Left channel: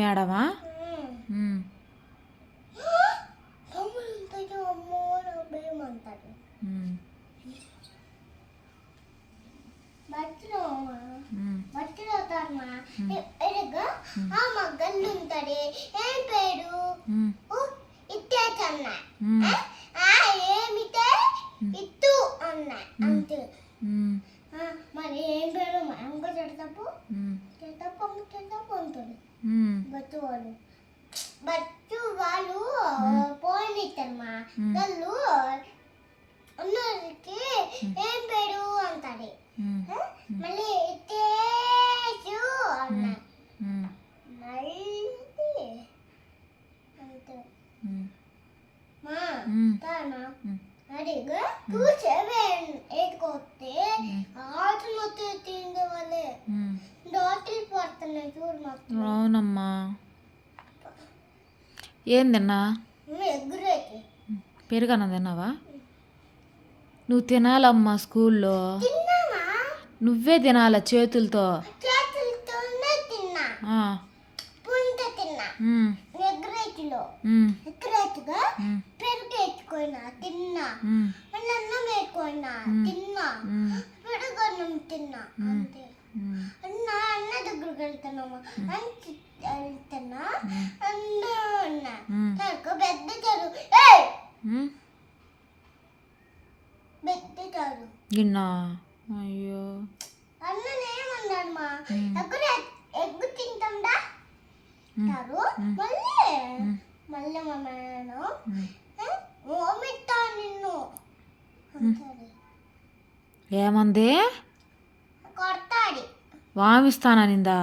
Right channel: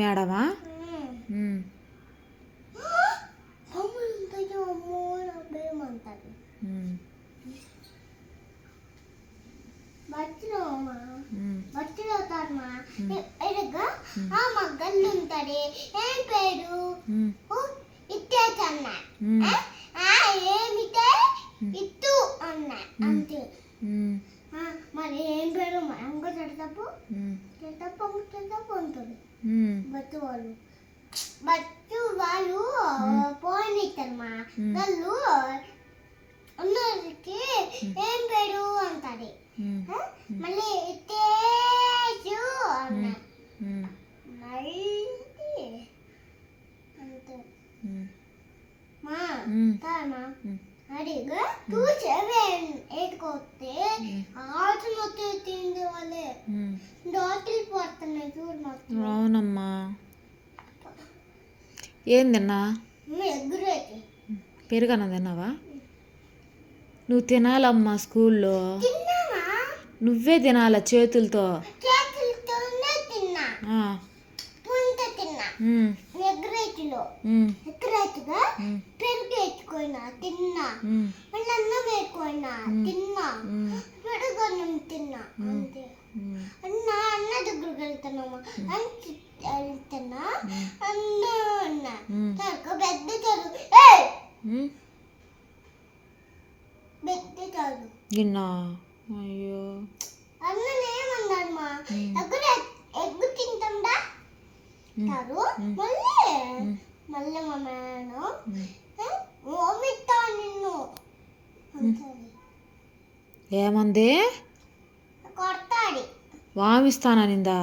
మేడమా? మగ్గలు ఉంటాడు ఏం పేరు ఇట్టేచన్న ఏమిటే ఇత్తు అన్న అంతే. మరి ఏం పేరు ఇంకో చెడతప్పు ఉంటుంది బట్టు వాళ్ళు పోయినమ్మా వాళ్ళు ఉన్నకి ఏం పేరు అంటాడు. మళ్ళీ ఇట్టేచు అన్న మళ్ళీ అంతే మా తానా అడిగా చూసేవే ఎట్టుకొస్తే ఆటలు తిండే వాళ్ళే డాక్టర్లు పడుతున్నాయి చూడు మాకు. అవునమ్మా. ఏం తిన్నా? ఎగ్గురేకి పెరుగన్న తిన్నావా? నువ్వు తినాలమ్మా స్కూల్లో. నువ్వే తినాల చేతులతో. తిన్నా పుంత తిన్నా ఎగ్గురేకిలో ఎగ్గురేకిగా పెరుగు ఎత్తుకోయినా తిన్నా మళ్ళీ అన్నం వేసుకున్నా తిన్నా పెరుగన్నం తిన్నా అంతే. అన్న దగ్గరికి వెళ్తున్నామా వెళ్తున్నా అన్న పెద్ద చదువు పెద్ద చదువు విన్నా. అయ్యో అన్ననేమన్నాడు మా ఎగ్గు తింటాండా మళ్ళీ మళ్ళీ మా మేడం ఓమిస్తా నిన్ను అంటాడు. ఏమంది? కొడతాడు. వామిస్తాననిందా?